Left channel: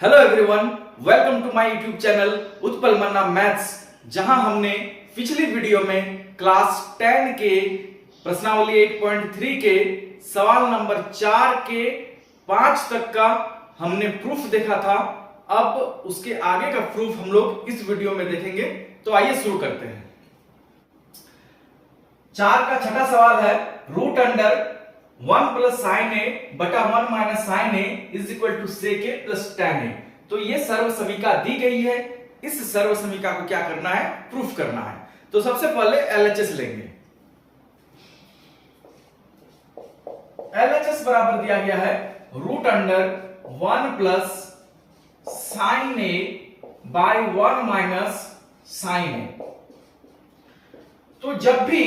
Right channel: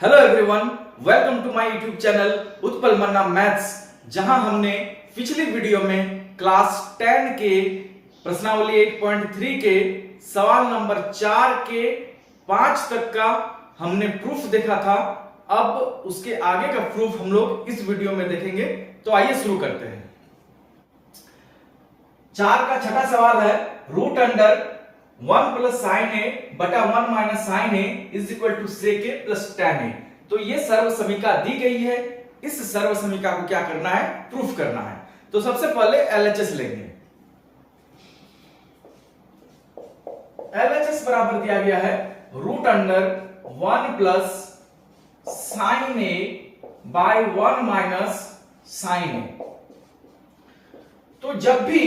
Hello everyone, welcome to my YouTube channel Utpal Manna maths, जहां हमने पिछली वीडियो में क्लास 10 के प्रश्नावली 8.3 के सवाल नंबर 4 के 5 तक का हमने प्रूफ देखा था। अब उसके आगे का प्रूफ हम लोग इस वीडियो में देखेंगे। तो आइए शुरू करते हैं। 4 का छठा सवाल है, root under 1 plus sine A बटा 1 minus sine A is equal to sec A plus tan A. तो ये सर्व समीका दी गई है। इस सर्व समीका को क्या करना है? प्रूफ करना है। तो सबसे पहले LHS लेंगे। LHS बराबर दिया गया है root under 1 plus sine A by 1 minus sine A. तो जब भी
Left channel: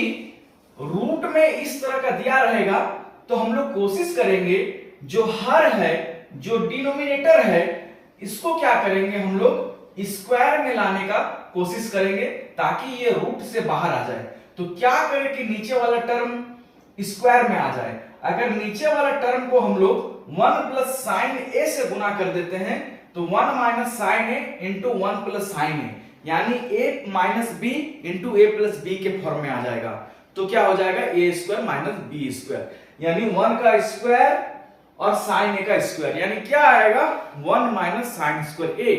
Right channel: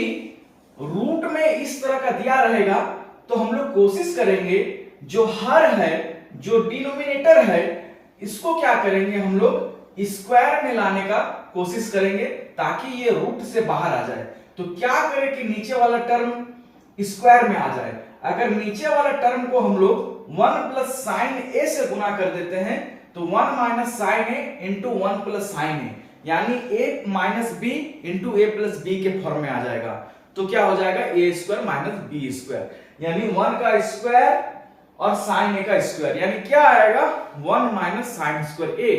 रूट में इस तरह का दिया रहेगा तो हम लोग कोशिश करेंगे जो हर है, जो डिनोमिनेटर है, इसको क्या करेंगे हम लोग स्क्वायर में लाने का कोशिश करेंगे ताकि ये रूट से बाहर आ जाए। तो क्या करें कि नीचे वाला टर्म स्क्वायर में आ जाए। अगर नीचे वाला टर्म को हम लोग 1 प्लस साइन ए से गुना कर देते हैं तो 1 minus sine A into 1 plus sine A, यानी a minus B into A plus B के फॉर्म में आ जाएगा। तो क्या हो जाएगा? A square minus B square, यानी 1 का स्क्वायर और साइन ए का स्क्वायर, यानी क्या आएगा? 1 minus sine square A.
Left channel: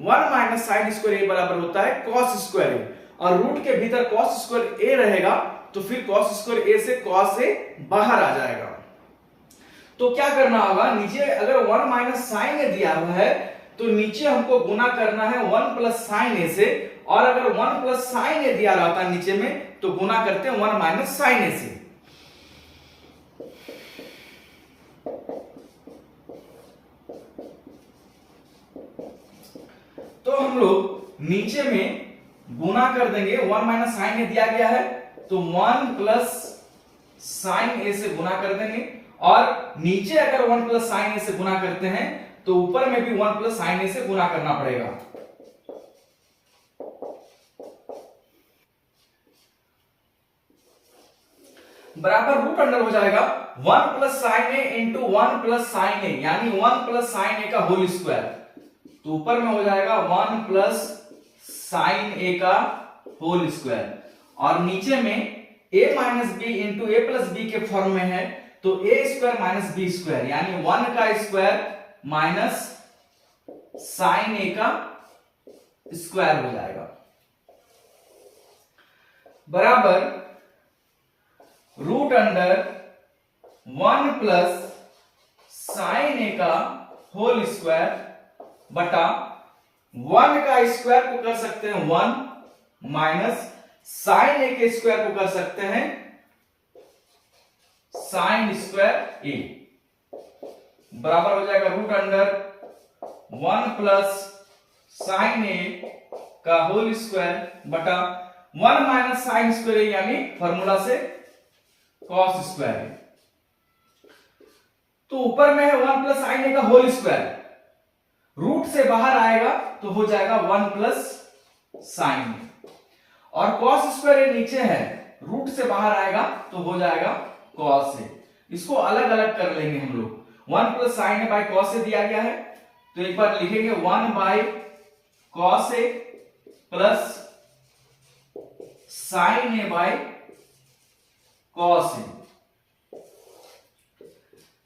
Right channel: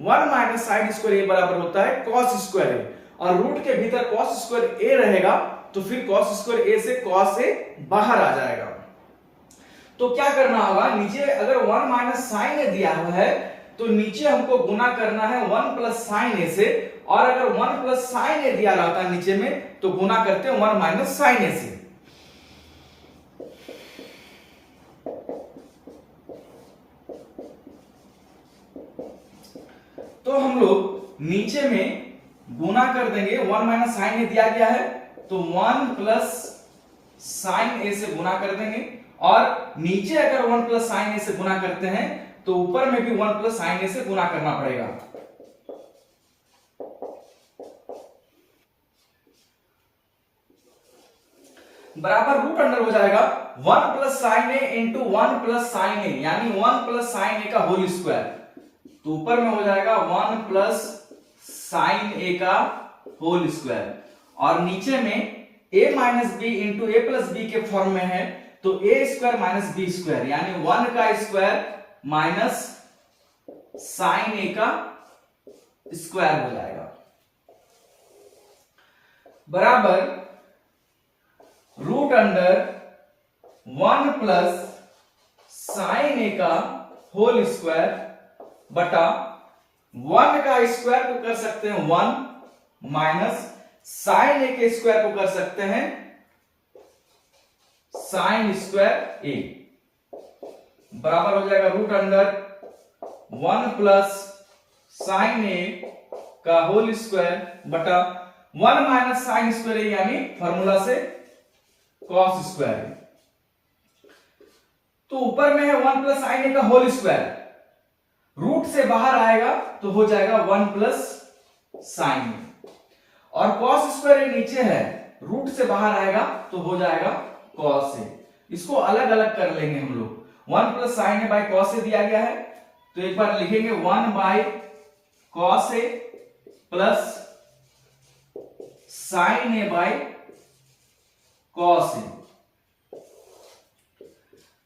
1 minus sine square A बराबर होता है कॉस स्क्वायर ए, और रूट के भीतर कॉस स्क्वायर ए रहेगा तो फिर कॉस स्क्वायर ए से कॉस ए बाहर आ जाएगा। तो क्या करना होगा? नीचे अगर 1 माइनस साइन ए दिया हुआ है तो नीचे हमको गुना करना है 1 प्लस साइन ए से, और अगर 1 प्लस साइन ए दिया रहता है नीचे में तो गुना करते हैं 1 माइनस साइन ए से। तो हम लोग नीचे में गुना कर देंगे, 1 माइनस साइन ए दिया गया है तो 1 प्लस साइन ए से गुना कर देंगे, और नीचे अगर 1 प्लस साइन ए से गुना करते हैं तो ऊपर में भी 1 प्लस साइन ए से गुना करना पड़ेगा। बराबर रूट अंडर हो जाएगा 1 plus sine A into 1 plus sine A, यानी 1 प्लस साइन ए का होल स्क्वायर। तो ऊपर में हो जाएगा 1 प्लस साइन ए का होल स्क्वायर, और नीचे में a minus B into A plus B के फॉर्म में है तो a square minus B square, यानी 1 का स्क्वायर माइनस साइन ए का स्क्वायर हो जाएगा। बराबर रूट अंडर 1 प्लस साइन ए का होल स्क्वायर बटा 1 का स्क्वायर को कर सकते हैं 1 माइनस साइन ए के स्क्वायर को कर सकते हैं साइन स्क्वायर ए, बराबर हो जाएगा रूट अंडर 1 प्लस साइन ए का होल स्क्वायर बटा 1 माइनस साइन स्क्वायर ए, यानी फॉर्मूला से कॉस स्क्वायर। तो ऊपर में है 1 प्लस साइन ए का होल स्क्वायर, रूट से बाहर आएगा तो हो जाएगा 1 प्लस साइन ए, और कॉस स्क्वायर ए नीचे है, रूट से बाहर आएगा तो हो जाएगा कॉस ए। इसको अलग अलग कर लेंगे हम लोग। 1 plus sine A by cos A दिया गया है तो एक बार लिखेंगे 1 by cos A plus sine A by cos A.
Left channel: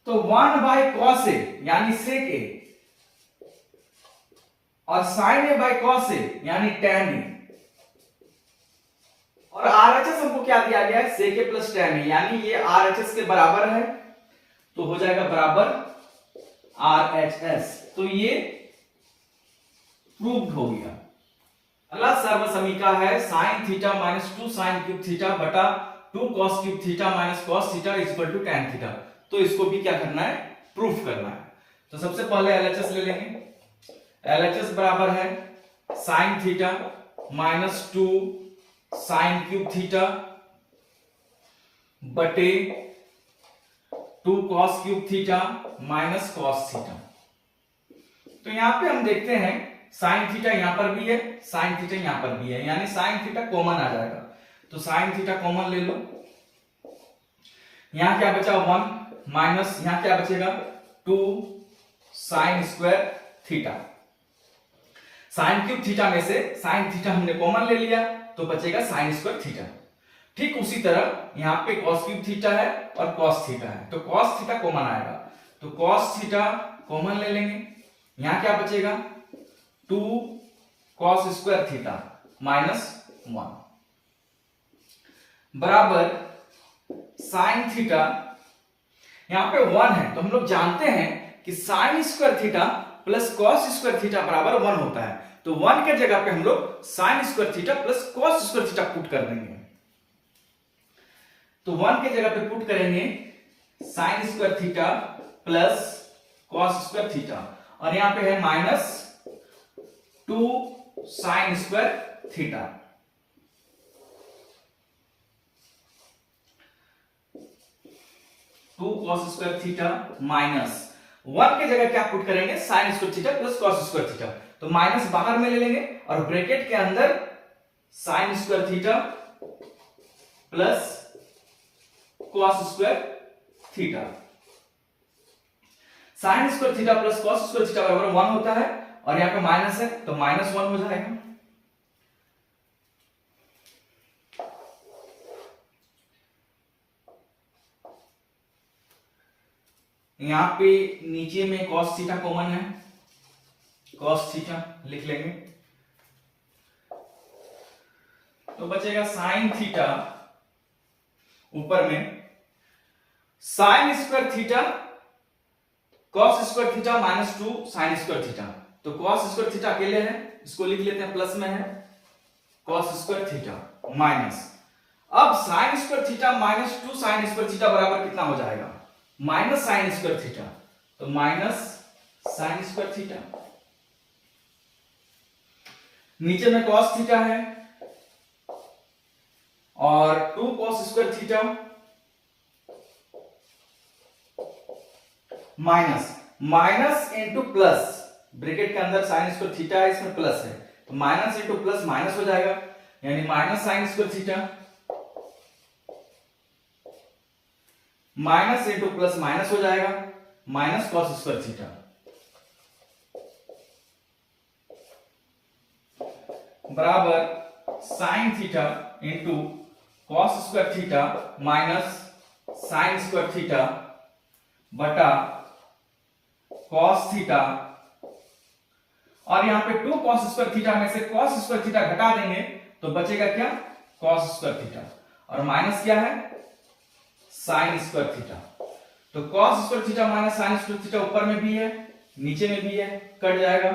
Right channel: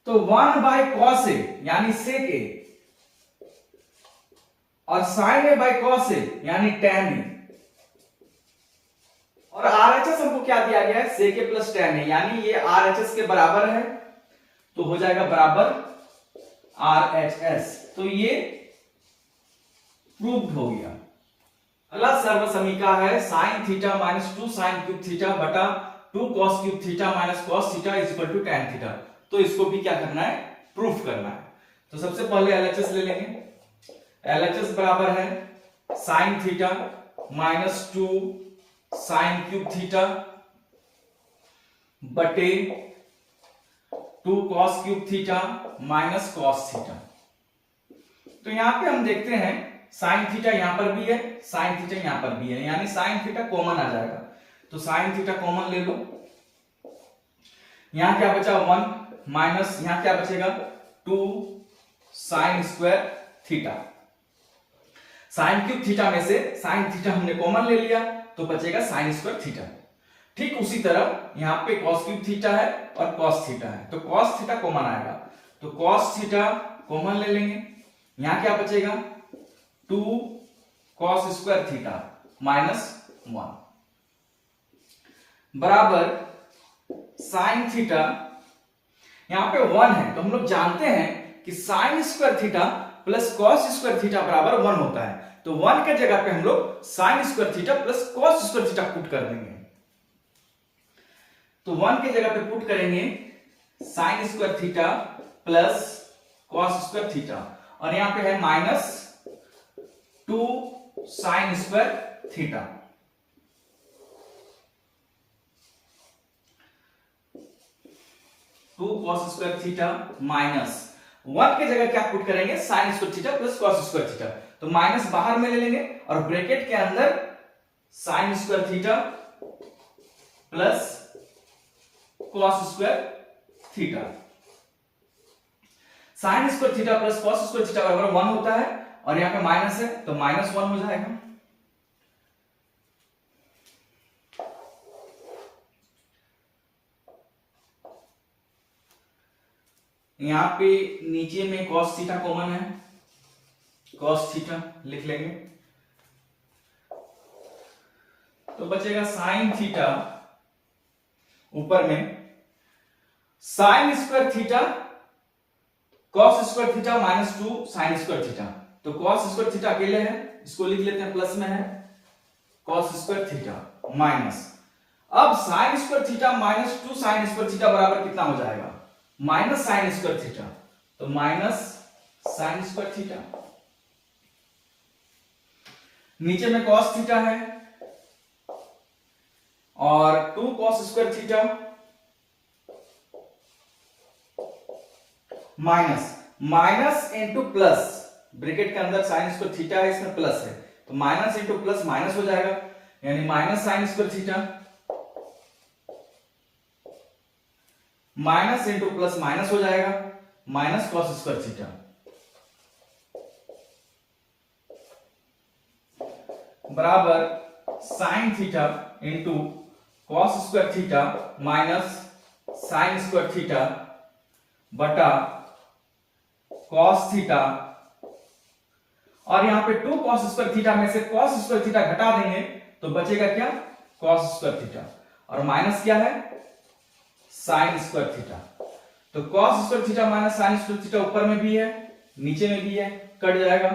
तो 1 बाय कॉस ए यानी सेक ए, और sine A by cos A यानी tan ए, और RHS हमको क्या दिया गया है? सेक ए प्लस tan ए, यानी ये RHS के बराबर है तो हो जाएगा बराबर RHS। तो ये प्रूव्ड हो गया। अगला सर्व समीका है sine theta minus 2 sine cube theta बटा 2 cos cube theta minus cos theta is equal to tan theta. तो इसको भी क्या करना है? प्रूफ करना है। तो सबसे पहले LHS ले लेंगे। LHS बराबर है sine theta minus 2 sine cube theta बटे 2 cos cube theta minus cos theta. तो यहां पे हम देखते हैं साइन थीटा यहां पर भी है, साइन थीटा यहां पर भी है, यानी साइन थीटा कॉमन आ जाएगा। तो साइन थीटा कॉमन ले लो, यहां क्या बचा 1 माइनस यहां क्या बचेगा 2 sine square theta. Sign cube theta में से साइन थीटा हमने कॉमन ले लिया तो बचेगा साइन स्क्वायर थीटा। ठीक उसी तरह यहां पे कॉस क्यूब थीटा है और कॉस थीटा है, तो कॉस थीटा कॉमन आएगा, तो कॉस थीटा कॉमन ले लेंगे। यहां क्या बचेगा 2 कॉस स्क्वायर थीटा -1 बराबर साइन थीटा। यहां पे 1 है तो हम लोग जानते हैं कि sign square theta plus cos square theta बराबर 1 होता है, तो 1 के जगह पे हम लोग sine square theta plus cos square theta put कर देंगे। तो 1 के जगह पे पुट करेंगे sine square theta plus cos square theta, और यहां पे है -2 sine square theta. Cos square theta -1 के जगह क्या पुट करेंगे sine square theta plus cos square theta, तो माइनस बाहर में ले लेंगे और ब्रैकेट के अंदर sine square theta plus cos square theta. Sign square theta plus cos square theta बराबर 1 होता है, और यहां पे माइनस है तो -1 हो जाएगा। यहां पे नीचे में कॉस थीटा कॉमन है, कॉस थीटा लिख लेंगे, तो बचेगा साइन थीटा, ऊपर में sign square theta cos square theta -2 sine square theta, तो कॉस स्क्वायर थीटा अकेले है, इसको लिख लेते हैं प्लस में है कॉस स्क्वायर थीटा माइनस, अब sign square theta -2 sine square theta बराबर कितना हो जाएगा माइनस साइन स्क्वायर थीटा, तो माइनस साइन स्क्वायर थीटा। नीचे में कॉस थीटा है और 2 cos square theta minus into plus, bracket के अंदर साइन स्क्वायर थीटा है, इसमें प्लस है, तो माइनस इंटू प्लस माइनस हो जाएगा, यानी minus sine square theta minus into plus minus हो जाएगा, माइनस कॉस स्क्वायर थीटा बराबर sine theta into cos square theta minus sine square theta बटा कॉस थीटा, और यहां पे 2 कॉस स्क्वायर थीटा में से कॉस स्क्वायर थीटा घटा देंगे तो बचेगा क्या कॉस स्क्वायर थीटा, और माइनस क्या है साइन स्क्वायर थीटा, तो cos square theta minus sine square theta ऊपर में भी है नीचे में भी है, कट जाएगा,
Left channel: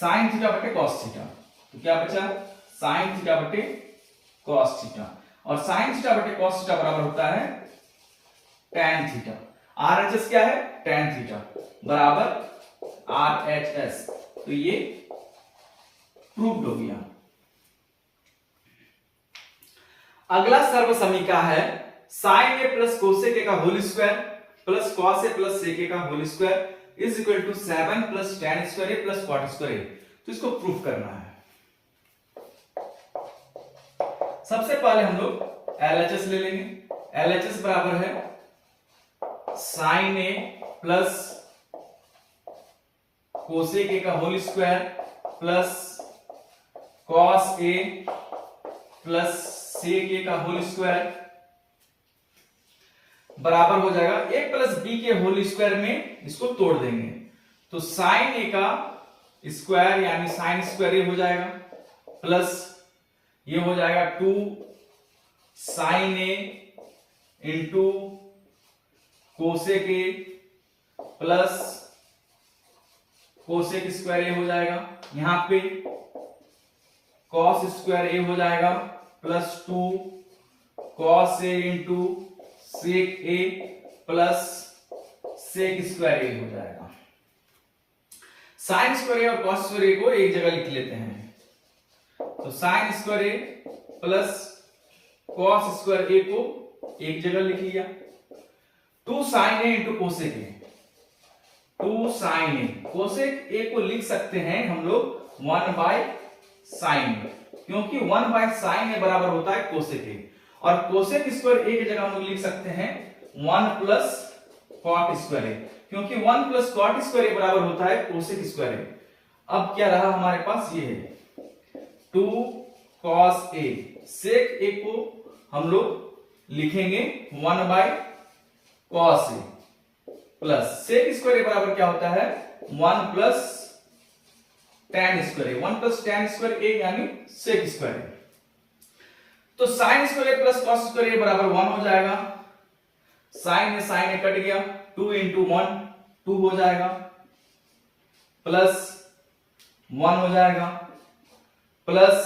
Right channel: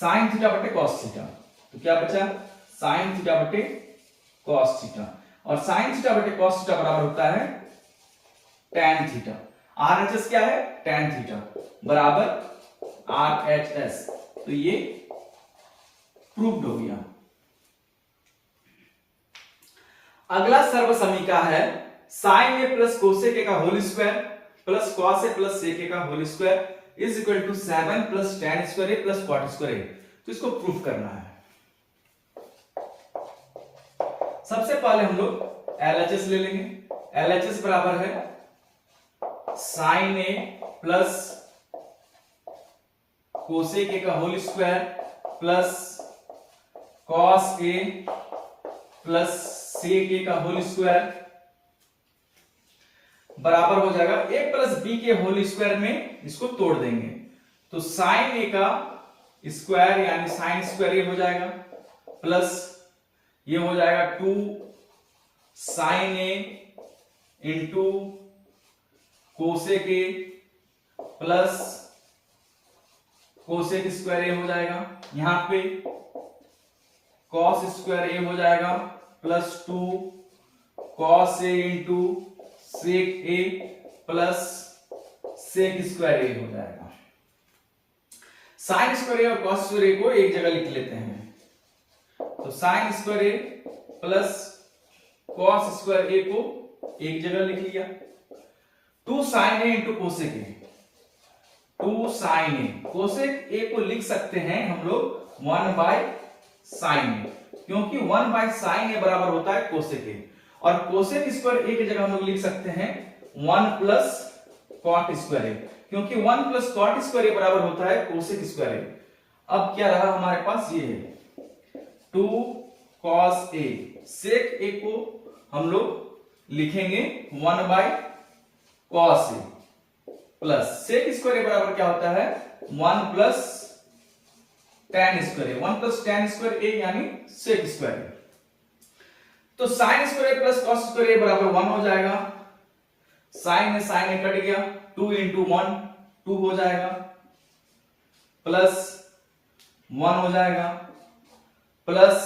साइन थीटा बटे कॉस थीटा, तो क्या बचा साइन थीटा बटे कॉस थीटा, और साइन थीटा बटे कॉस थीटा बराबर होता है tan थीटा। RHS क्या है tan थीटा बराबर RHS, तो ये प्रूव्ड हो गया। अगला सर्वसमीका है साइन ए प्लस कोसेक ए का होल स्क्वायर प्लस कॉस ए प्लस सेक ए का whole square is equal to 7 plus tan square A plus cot square A, तो इसको प्रूफ करना है। सबसे पहले हम लोग LHS ले लेंगे, LHS बराबर है साइन ए प्लस कोसेक ए का होल स्क्वायर प्लस कॉस ए प्लस सेक ए का होल स्क्वायर बराबर हो जाएगा a प्लस बी के होल स्क्वायर में, इसको तोड़ देंगे तो साइन ए का स्क्वायर यानी साइन स्क्वायर ए हो जाएगा प्लस ये हो जाएगा 2 sine A into cosec A plus cosec square A हो जाएगा, यहां पे कॉस स्क्वायर ए हो जाएगा plus 2 cos A into sec A plus sec square A हो जाएगा। साइन स्क्वायर ए और कॉस स्क्वायर ए को एक जगह लिख लेते हैं, तो sine square A plus cos square a को एक जगह लिख लिया, 2 sine A into cosec a, 2 sine a, cosec a को लिख सकते हैं हम लोग 1 बाय साइन ए, क्योंकि 1 बाय साइन ए बराबर होता है कोसेक ए, और कोसेक स्क्वायर ए की जगह हम लोग लिख सकते हैं 1 प्लस कॉट स्क्वायर ए, क्योंकि 1 प्लस कॉट स्क्वायर ए बराबर होता है कोसेक स्क्वायर ए। अब क्या रहा हमारे पास, ये है 2 cos ए। सेक ए को हम लोग लिखेंगे 1 bye cos A plus sec square A बराबर क्या होता है 1 plus tan square A. 1 plus tan square ए यानी सेक स्क्वायर ए। तो sine square A plus cos square A बराबर 1 हो जाएगा। साइन ए कट गया, 2 इंटू 1 2 हो जाएगा, प्लस 1 हो जाएगा, प्लस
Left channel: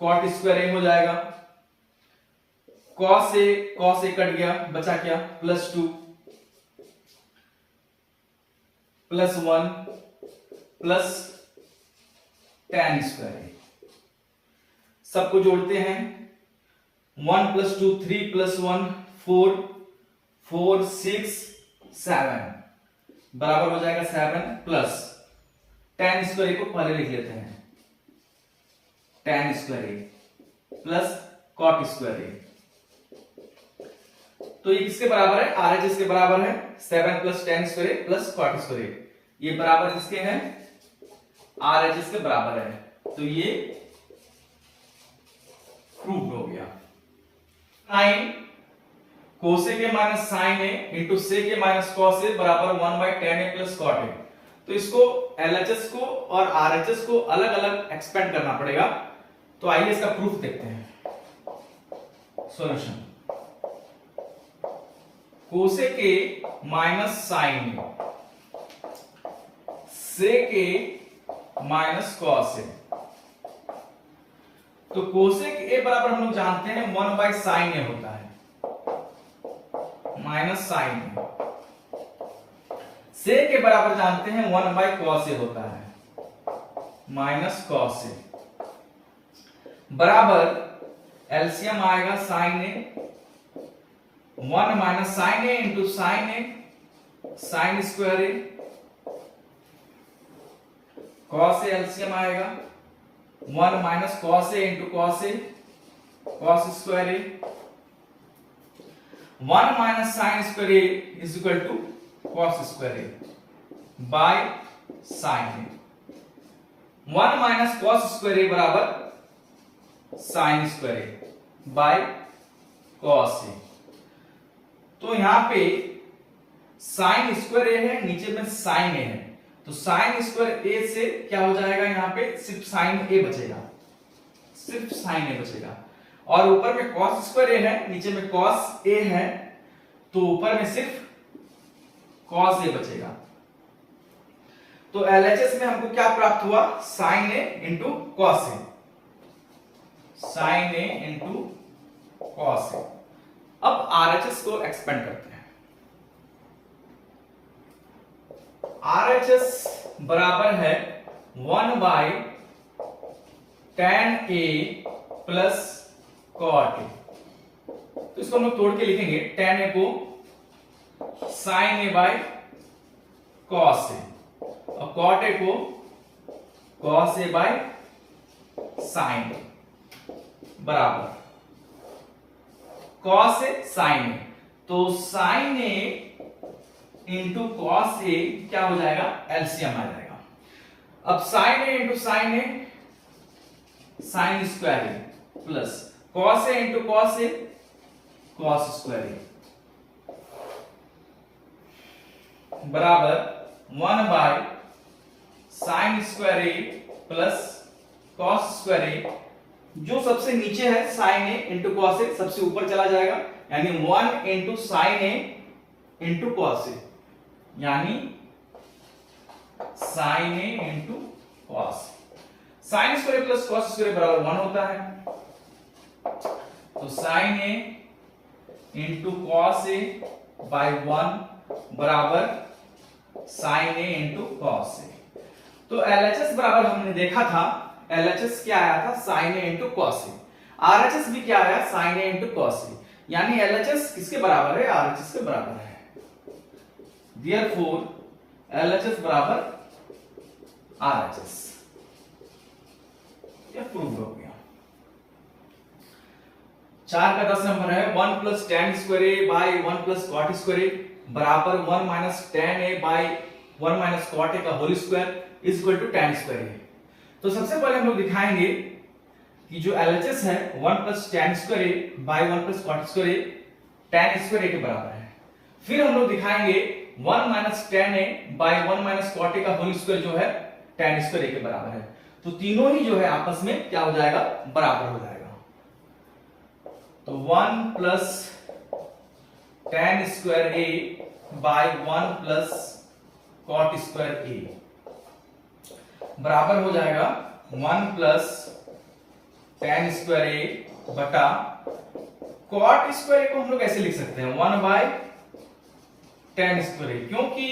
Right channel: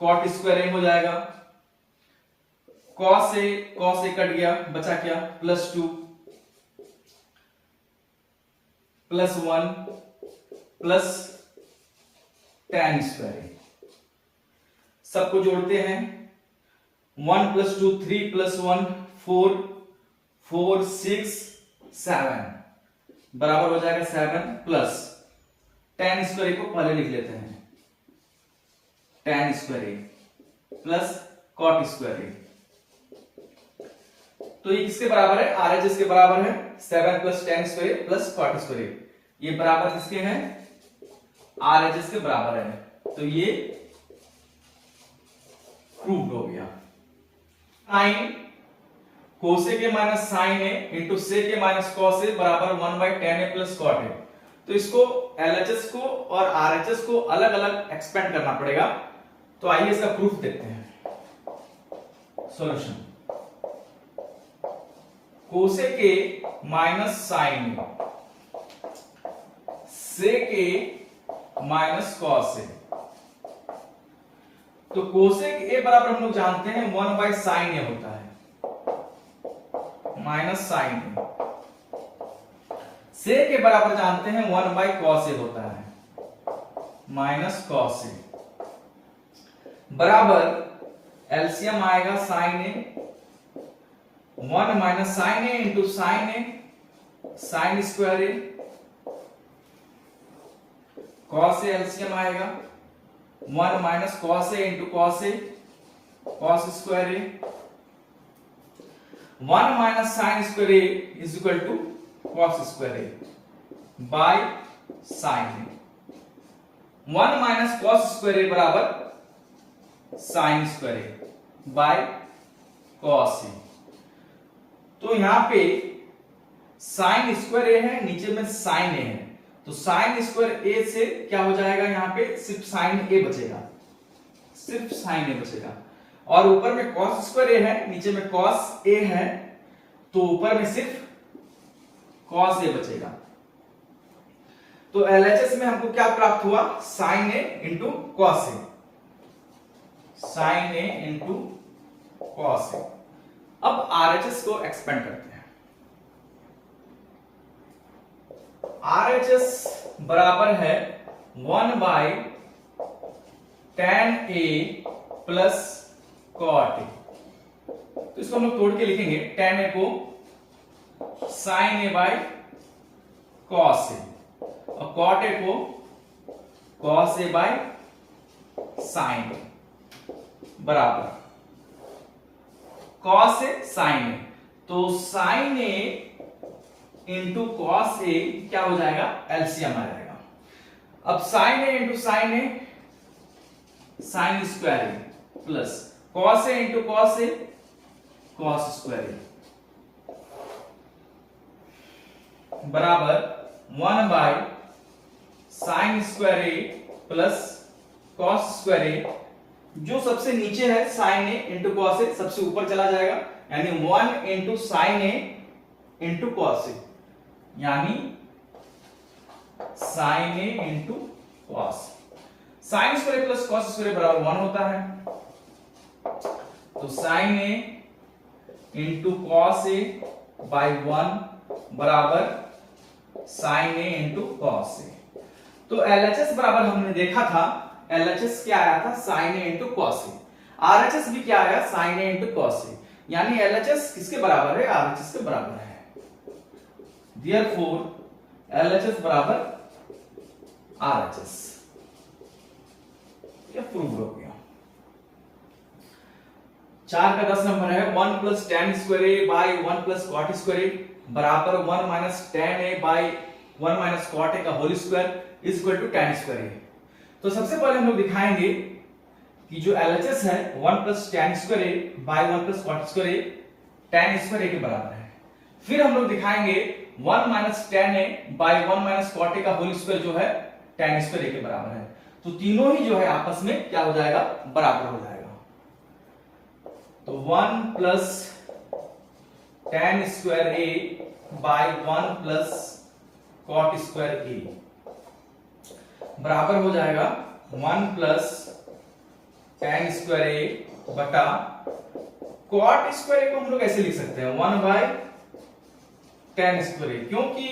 कॉट स्क्वायर ए हो जाएगा, कॉस ए कट गया, बचा क्या plus 2 plus 1 plus tan square A. सबको जोड़ते हैं, 1 प्लस 2 3 प्लस 1 4 4 6 7 बराबर हो जाएगा 7 प्लस tan स्क्वायर को पहले लिख लेते हैं, tan square plus cot square. तो ये किसके बराबर है, RHS के बराबर है 7 plus tan square plus cot square. ये बराबर किसके हैं, RHS के बराबर है। तो ये प्रूव्ड हो गया। Sine cosec A minus sine A into sec A minus cos A बराबर 1 by tan A plus cot ए। तो इसको LHS को और RHS को अलग अलग एक्सपेंड करना पड़ेगा। तो आइए इसका प्रूफ देखते हैं। Solution, cosec A minus sine A, sec A minus cos A. तो कोसेक ए बराबर हम लोग जानते हैं 1 बाय साइन ए होता है, माइनस साइन ए। सेक के बराबर जानते हैं 1 बाय कॉस ए होता है, माइनस कॉस ए, बराबर एलसीएम आएगा sine A, 1 minus sine A into sine A, sine square A, cos A LCM आएगा 1 minus cos A into cos A, cos square A, 1 minus sine square A is equal to cos square A by sine A. 1 minus cos square A बराबर sine square A by cos A. तो यहां पे sign square ए है, नीचे में sign ए है, तो sine square ए से क्या हो जाएगा, यहां पे सिर्फ साइन ए बचेगा, सिर्फ साइन ए बचेगा। और ऊपर में कॉस स्क्वायर ए है, नीचे में कॉस ए है, तो ऊपर में सिर्फ कॉस ए बचेगा। तो LHS में हमको क्या प्राप्त हुआ, sign A into cos A, sine A into cos ए। अब RHS को एक्सपेंड करते हैं। RHS बराबर है 1 by tan A plus cot ए। तो इसको हम लोग तोड़ के लिखेंगे, tan ए को sine A by cos A और कॉट ए को cos A by sine A बराबर कॉस ए साइन ए। तो sine A into cos A क्या हो जाएगा, एलसीएम आ जाएगा। अब sine A into sine A, sine square A plus cos A into cos A, cos square A बराबर 1 by sine square A plus cos square A. जो सबसे नीचे है sine A into cos A, सबसे ऊपर चला जाएगा, यानी 1 into sine A into cos A, यानी साइन ए into cos. Sine square plus cos square बराबर 1 होता है। तो sine A into cos A by 1 बराबर sine A into cos A. तो LHS बराबर हमने देखा था, LHS क्या आया था, साइन ए इंटू कॉस ए। RHS भी क्या आया, sign A into cos A, यानी LHS किसके बराबर है, RHS के बराबर है। Therefore LHS बराबर RHS। यह प्रूव हो गया। 4 का 10 नंबर है 1 plus tan square A by 1 plus cot square A बराबर 1 minus tan A by 1 minus cot ए का whole square is equal to tan square A. तो सबसे पहले हम लोग दिखाएंगे कि जो LHS है 1 plus tan square A by 1 plus cot square A tan square A के बराबर है। फिर हम लोग दिखाएंगे 1 minus tan A by 1 minus cot ए का होल स्क्वायर जो है tan स्क्वायर ए के बराबर है। तो तीनों ही जो है आपस में क्या हो जाएगा, बराबर हो जाएगा। तो 1 plus tan square A by 1 plus cot square A बराबर हो जाएगा 1 प्लस tan स्क्वायर ए बटा कॉट स्क्वायर ए को हम लोग ऐसे लिख सकते हैं 1 बाई tan स्क्वायर ए, क्योंकि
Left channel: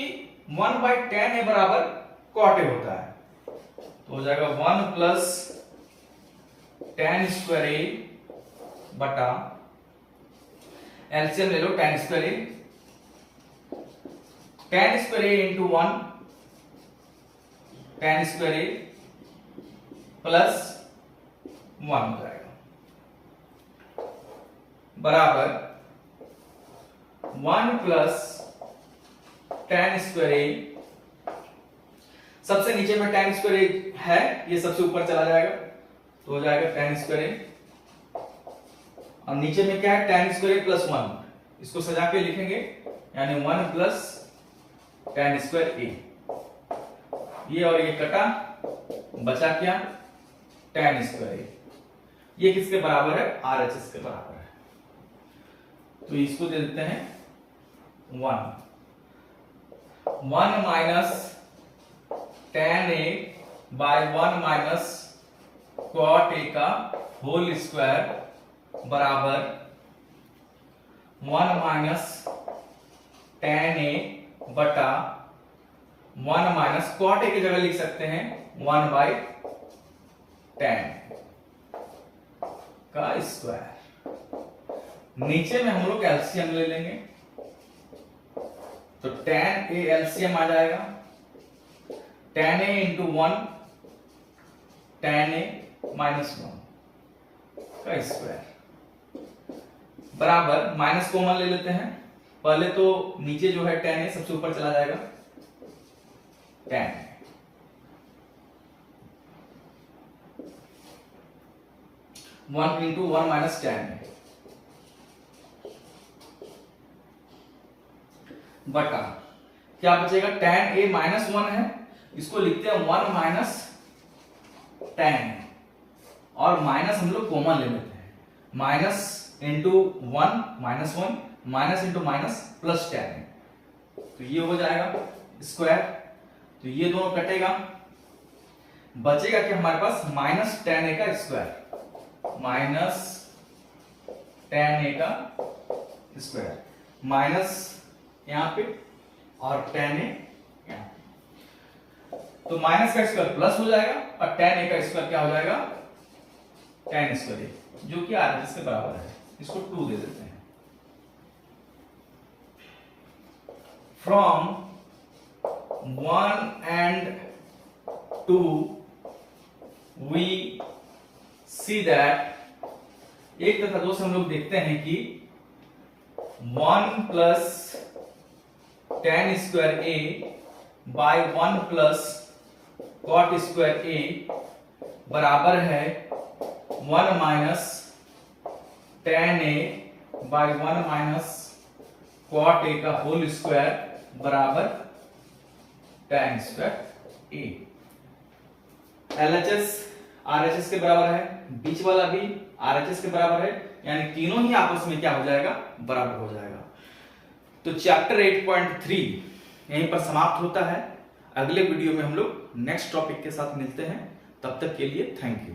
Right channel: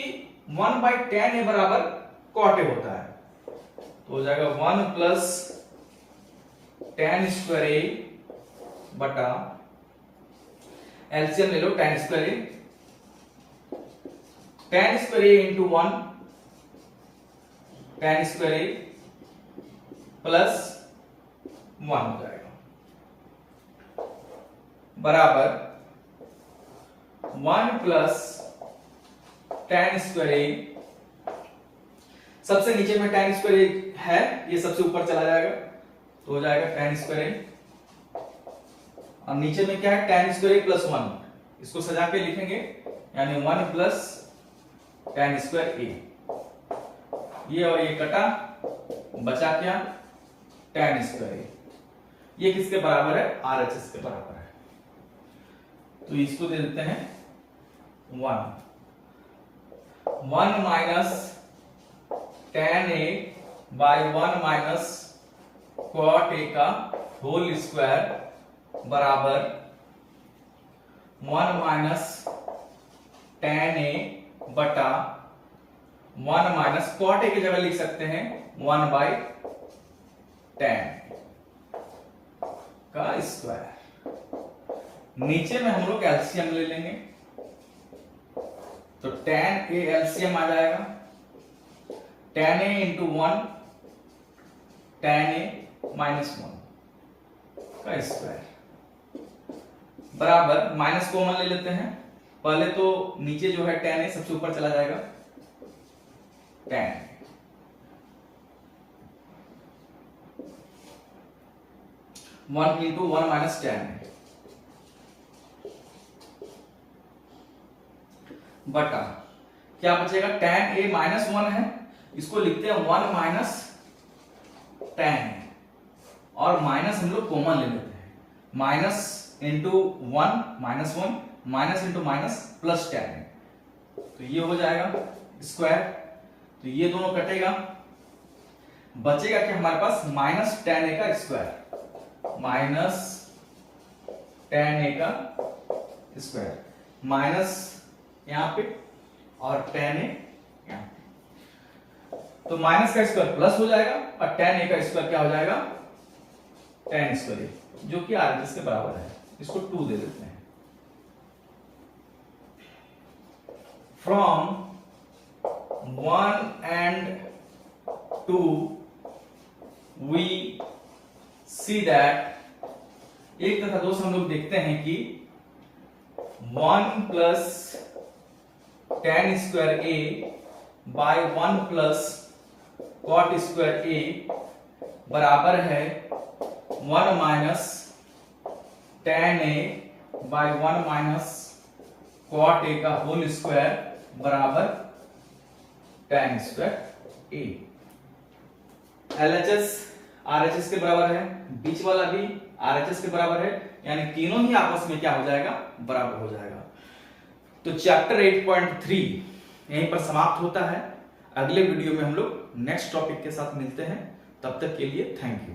1 बाई tan ए बराबर कॉट ए होता है। तो हो जाएगा 1 प्लस tan स्क्वायर ए बटा एलसीएम ले लो tan square A, tan square A into 1 tan square A plus 1 हो जाएगा बराबर 1 प्लस tan स्क्वायर ए, सबसे नीचे में tan स्क्वायर ए है, ये सबसे ऊपर चला जाएगा तो हो जाएगा tan स्क्वायर ए, और नीचे में क्या है tan स्क्वायर ए प्लस 1, इसको सजा के लिखेंगे यानी 1 प्लस tan स्क्वायर ए, ये और ये कटा, बचा क्या tan स्क्वायर ए, ये किसके बराबर है, RHS के बराबर है। तो इसको दे देते हैं 1 minus tan A by 1 minus cot ए का होल स्क्वायर बराबर 1 माइनस tan ए बटा 1 माइनस कॉट ए की जगह लिख सकते हैं 1 बाई tan का स्क्वायर। नीचे में हम लोग एलसीएम ले लेंगे तो tan ए एलसीएम आ जाएगा tan ए इंटू 1 tan ए माइनस 1 का स्क्वायर बराबर, माइनस कॉमन ले लेते हैं, पहले तो नीचे जो है tan ए सबसे ऊपर चला जाएगा tan 1 इंटू 1 माइनस tan बटा क्या बचेगा, tan ए माइनस 1 है, इसको लिखते हैं 1 माइनस tan, और माइनस हम लोग कॉमन ले लेते हैं, minus into 1 minus 1 minus into minus plus tan, तो ये हो जाएगा स्क्वायर, तो ये दोनों कटेगा, बचेगा कि हमारे पास माइनस tan ए का स्क्वायर, माइनस tan ए का स्क्वायर, माइनस यहां पे और tan ए यहां पे, तो माइनस का स्क्वायर प्लस हो जाएगा और tan ए का स्क्वायर क्या हो जाएगा, tan स्क्वायर ए, जो कि RHS के बराबर है, इसको 2 दे देते हैं। From 1 and 2 we see that, एक तथा दो से हम लोग देखते हैं कि 1 plus tan square A by 1 plus cot square A बराबर है 1 minus tan A by 1 minus cot ए का होल स्क्वायर बराबर tan square A. LHS RHS के बराबर है, बीच वाला भी RHS के बराबर है, यानी तीनों ही आपस में क्या हो जाएगा, बराबर हो जाएगा। तो चैप्टर 8.3 यहीं पर समाप्त होता है। अगले वीडियो में हम लोग नेक्स्ट टॉपिक के साथ मिलते हैं, तब तक के लिए थैंक यू।